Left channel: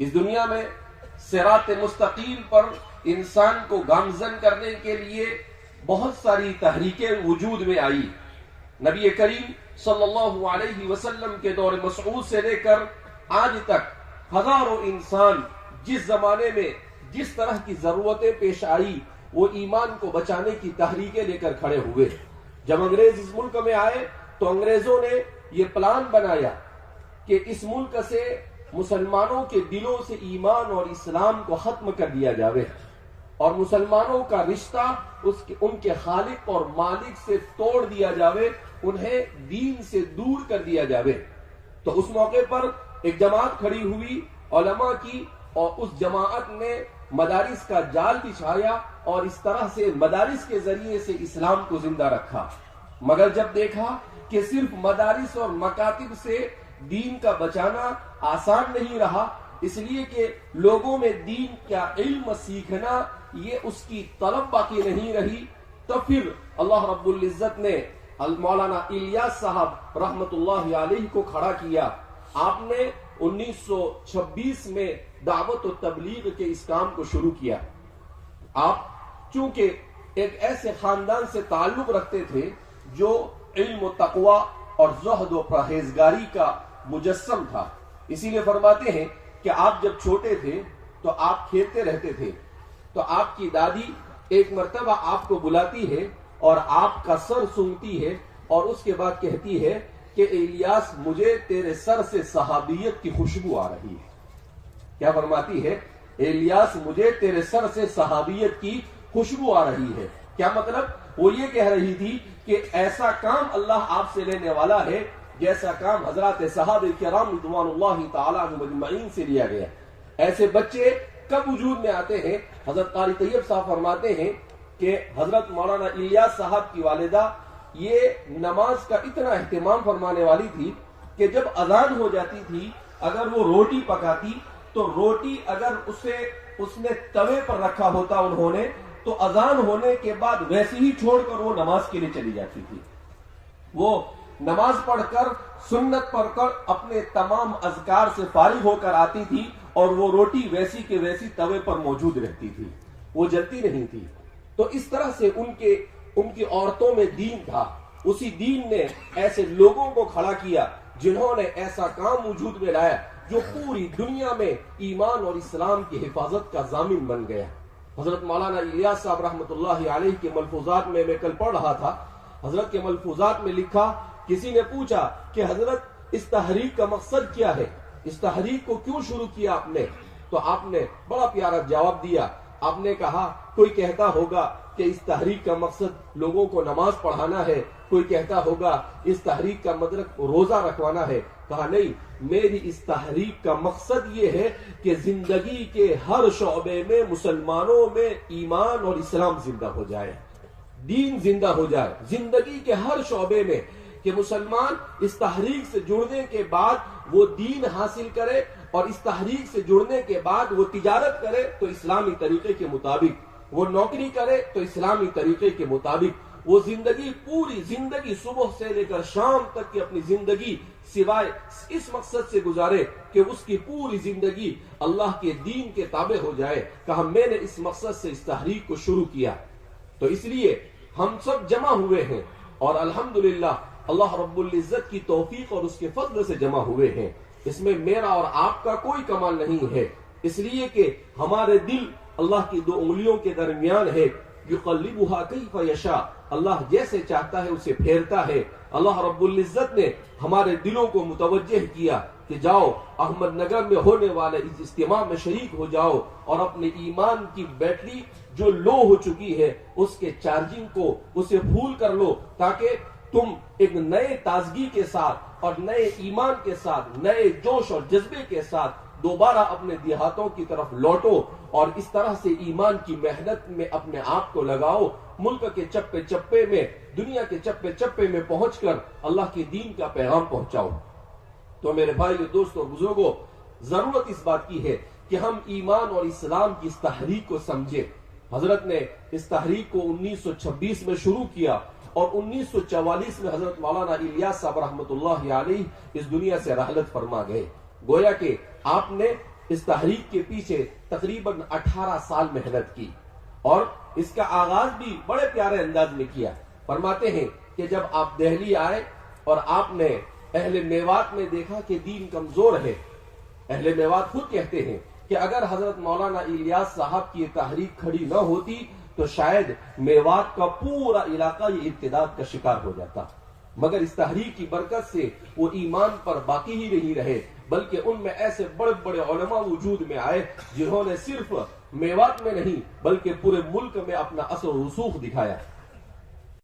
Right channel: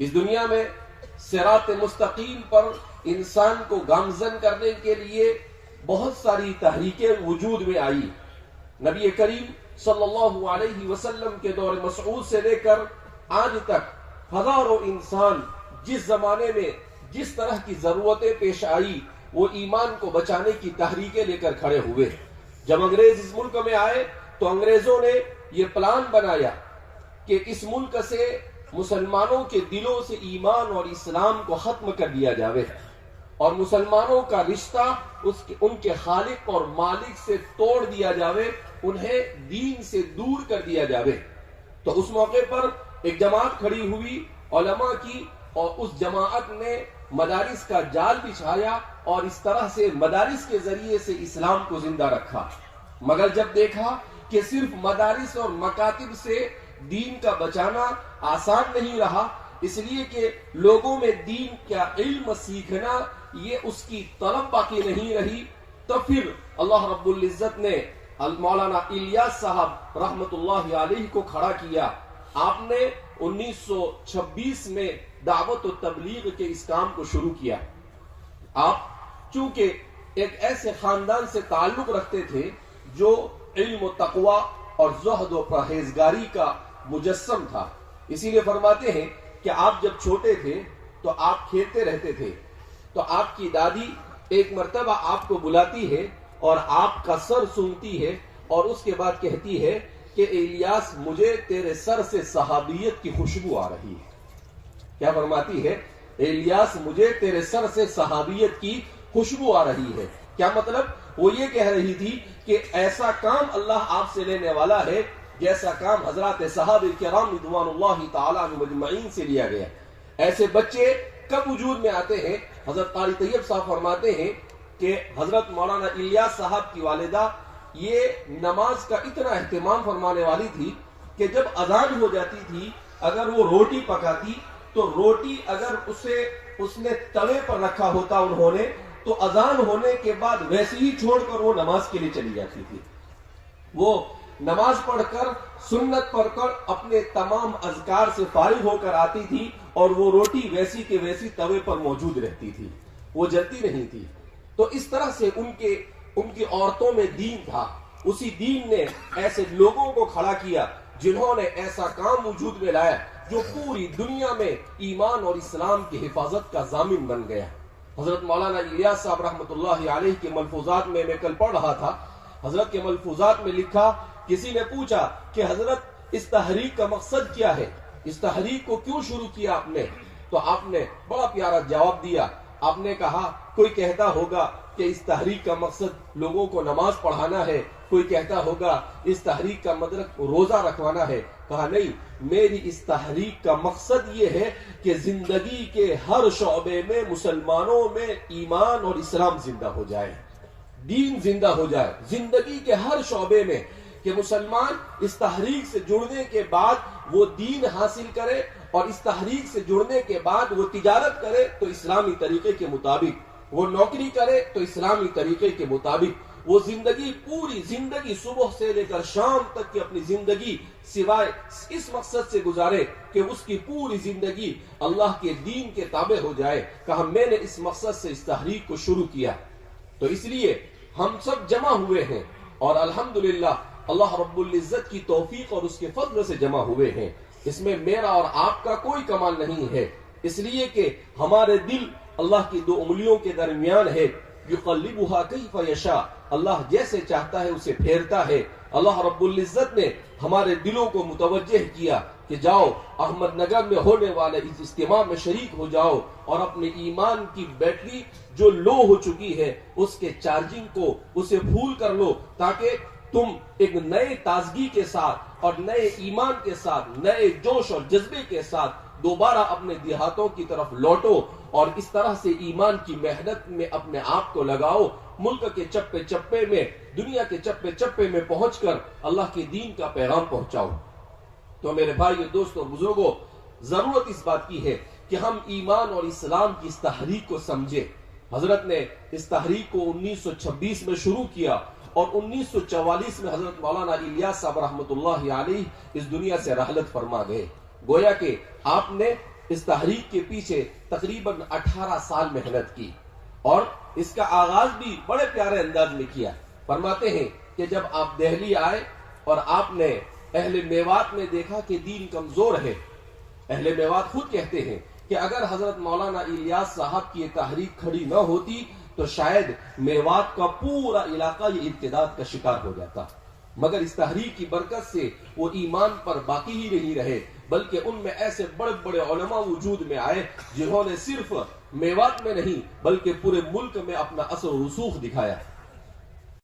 اس دنیا میں صراط مستقیم پر انسان کو گامزن کرنے کے لیے بہت ساری تحریکیں وجود میں آئی. نبی کریم صلی اللہ علیہ وسلم کے دور مسعود سے لے کر آج تک ہزاروں انسان جس زمانے میں جس طرح کی ضرورتیں پیش آئی وہ ایمان کو بچانے کی تحریکیں لے کر کھڑے ہوئے. جب انگریز اس ملک میں آئے تو انگریزوں نے یہ پلان بنایا کہ اس ملک سے مسلمانوں کے دلوں سے ایمان اور اسلام کو ختم کر دیا جاوے اور مسلمانوں کا رشتہ ان کے خالق اور مالک سے توڑ دیا جاوے، انہیں دین سے دور کر دیا جاوے. تو اس موقع پر ایک جماعت کھڑی ہوئی علماء کی، اور اس جماعت نے مدارس کا جال بچھایا اور اس طرح سے مدارس کے ذریعے سے اسلام کو زندہ رکھا. مگر جب دیکھا کہ صرف مدارس اور مکاتب سے دین کا بچانا آسان نہیں رہا، اس لیے کہ لوگوں میں دین کا علم سیکھنا یہ اس کی طلب باقی نہیں رہی، تو پھر اللہ رب العزت نے مولانا الیاس صاحب رحمت اللہ علیہ کو کھڑا کیا. آپ نے 1926 میں دعوت و تبلیغ کے اس کام کو شروع کیا. آپ چونکہ ایک ایسے خاندان سے تعلق رکھتے تھے جو علم و تقوی اور زہد و پرہیزگاری کا مجسم تھا، اسی لیے فرماتے ہیں کہ آپ جب چھوٹے تھے تو آپ کھیلتے رہتے تھے، تو آپ کی دادی ایک مرتبہ آپ کو بلاتی ہے اور آپ کا سر سونگتی ہے اور اس کے بعد کہتی ہے کہ الیاس مجھے تیرے سر سے صحابیت کی خوشبو آ رہی ہے. کیا فرماتی ہے؟ الیاس مجھے تیرے سر سے صحابیت کی خوشبو آ رہی ہے. کیا مطلب؟ وہ یہ کہہ رہی تھی کہ ایسا کام اللہ آپ سے لینے والا ہے جیسا کام حضرات صحابہ کرام رضوان اللہ تعالی عنہم اجمعین سے لیا گیا. ایسے بچے کب وجود میں آتے ہیں؟ حضرت قاری طیب صاحب فرماتے ہیں کہ حضرت مولانا الیاس صاحب کی والدہ یہ نماز کا اتنا اہتمام فرمانے والی تھی کہ جب اذان ہو جاتی تھی اگر وہ روٹی پکاتی تو روٹی اگر اس نے توے پر رکھا ہوتا انہوں نے تو اذان ہونے کے بعد ویسے ہی چھوڑ کر وہ نماز کے لیے چلی جاتی تھی. وہ نماز پڑھ کر سنت پڑھ کر اپنے تمام اذکار سے فارغ ہو کر آتی تھی اور وہ روٹی ویسی کے ویسی توے پر موجود رہتی تھی، وہ جلتی نہیں تھی. تو اس طرح سے ان کی عورتوں میں دین تھا. اسی دین نے ایسے لوگوں کو کھڑا کیا جنہوں نے ایسا کام وجود میں لایا جو پوری دنیا میں ایمان اور اسلام کی حفاظت کا ضامن بن گیا. حضرت مولانا الیاس صاحب رحمت اللہ علیہ کے ملفوظات میں کل پڑھ رہا تھا، حضرت کے ملفوظات میں لکھا، کسی نے پوچھا کہ حضرت اس تحریک کا مقصد کیا ہے، اس تحریک کو کیوں شروع کیا آپ نے؟ تو آپ نے بڑا پیارا جواب دیا. آپ نے کہا کوئی کہتا ہوگا کہ اس تحریک کا مقصد لوگوں کو نماز پڑھانا ہے، کوئی کہتا ہوگا اس تحریک کا مطلب روزہ رکھوانا ہے. کہا نہیں، میری اس تحریک کا مقصد یہ ہے کہ زندگی کے ہر شعبے میں مسلمانوں میں ایمان اور اسلام زندہ ہو جائے، دین زندہ ہو جائے. زندگی کے ہر شعبے میں کہ مسلمان اس تحریک سے جڑنے کے بعد وہ دین حاصل کرے اور اس تحریک سے جڑنے کے بعد وہ تجارت کرے تو اسلامی طریقے کے مطابق، وہ نوکری کرے تو اسلامی طریقے کے مطابق، وہ زندگی پوری زندگی صبح سے لے کر شام تک کی اپنی زندگی سوائے اس مقصد سے گزارے کہ اس کی پوری زندگی اللہ کے دین کے تابع ہو جائے. کہا میں نے اس مقصد سے اس تحریک کو شروع کیا. تو اس لیے ہم سب جمع ہوئے ہیں اور الحمدللہ اللہ رب العزت کی توفیق اور اس کے فضل سے جمع ہوئے ہیں. اس میں میرا اور آپ کا کوئی کمال نہیں ہے، اس لیے کہ ہمارے دل اللہ کی دو انگلیوں کے درمیان ہے. یقلبها کیف یشاء، اللہ جیسے چاہتا ہے اسے پھیرتا ہے. اللہ رب العزت نے ہمارے دلوں کو متوجہ کیا کہ جاؤ احمد نگر میں ہونے والے اس اجتماع میں شریک ہو جاؤ اور اپنے ایمان کی بیٹری جو لو ہو چکی ہے اس کے چارجنگ کو اسے پھول کر لو، تاکہ تم ایک نئے تازگی کے ساتھ اور نئے ایمان کے ساتھ، نئے جوش اور جذبے کے ساتھ دوبارہ اپنے دیہاتوں کی طرف لوٹو اور اس طرح سے ایمان کی محنت میں اپنے آپ کو لگاؤ. ملک کے چپے چپے میں، دنیا کے چپے چپے میں پہنچ کر اللہ کے دین کا پیغام پہنچاؤ. تو میرے بھائیو، دوستو، بزرگوں، ضرورت اس بات کی ہے کہ ہم ایمان اور اسلام کی اس تحریک کو سمجھے. حضرت نے اس تحریک کو 1926 میں شروع کیا اور 1944 میں حضرت مولانا الیاس صاحب رحمت اللہ علیہ اس دنیا سے رحلت فرما گئے. گویا کہ آپ نے اس تحریک کے پیچھے تقریباً 18 سال محنت کی اور اس کا آغاز بھی بڑے پیارے انداز میں کیا. فرماتے ہیں کہ جب آپ دہلی آئے اور آپ نے اہل میوات میں دیکھا کہ دین کمزور ہے، اہل میوات خود کہتے ہیں کہ اگر حضرت مولانا الیاس صاحب کی یہ تحریک کھڑی نہ ہوتی تو شاید میوات کا پورا علاقہ یہ ارتداد کا شکار ہو جاتا. مگر اس تحریک کی برکت سے وہ ایمان پر باقی ہی نہیں رہے، بلکہ ان میں ایسے بڑے بڑے علماء وجود میں آئے جنہوں نے صرف میوات میں نہیں بلکہ پورے ملک میں اپنا اثر و رسوخ دکھایا.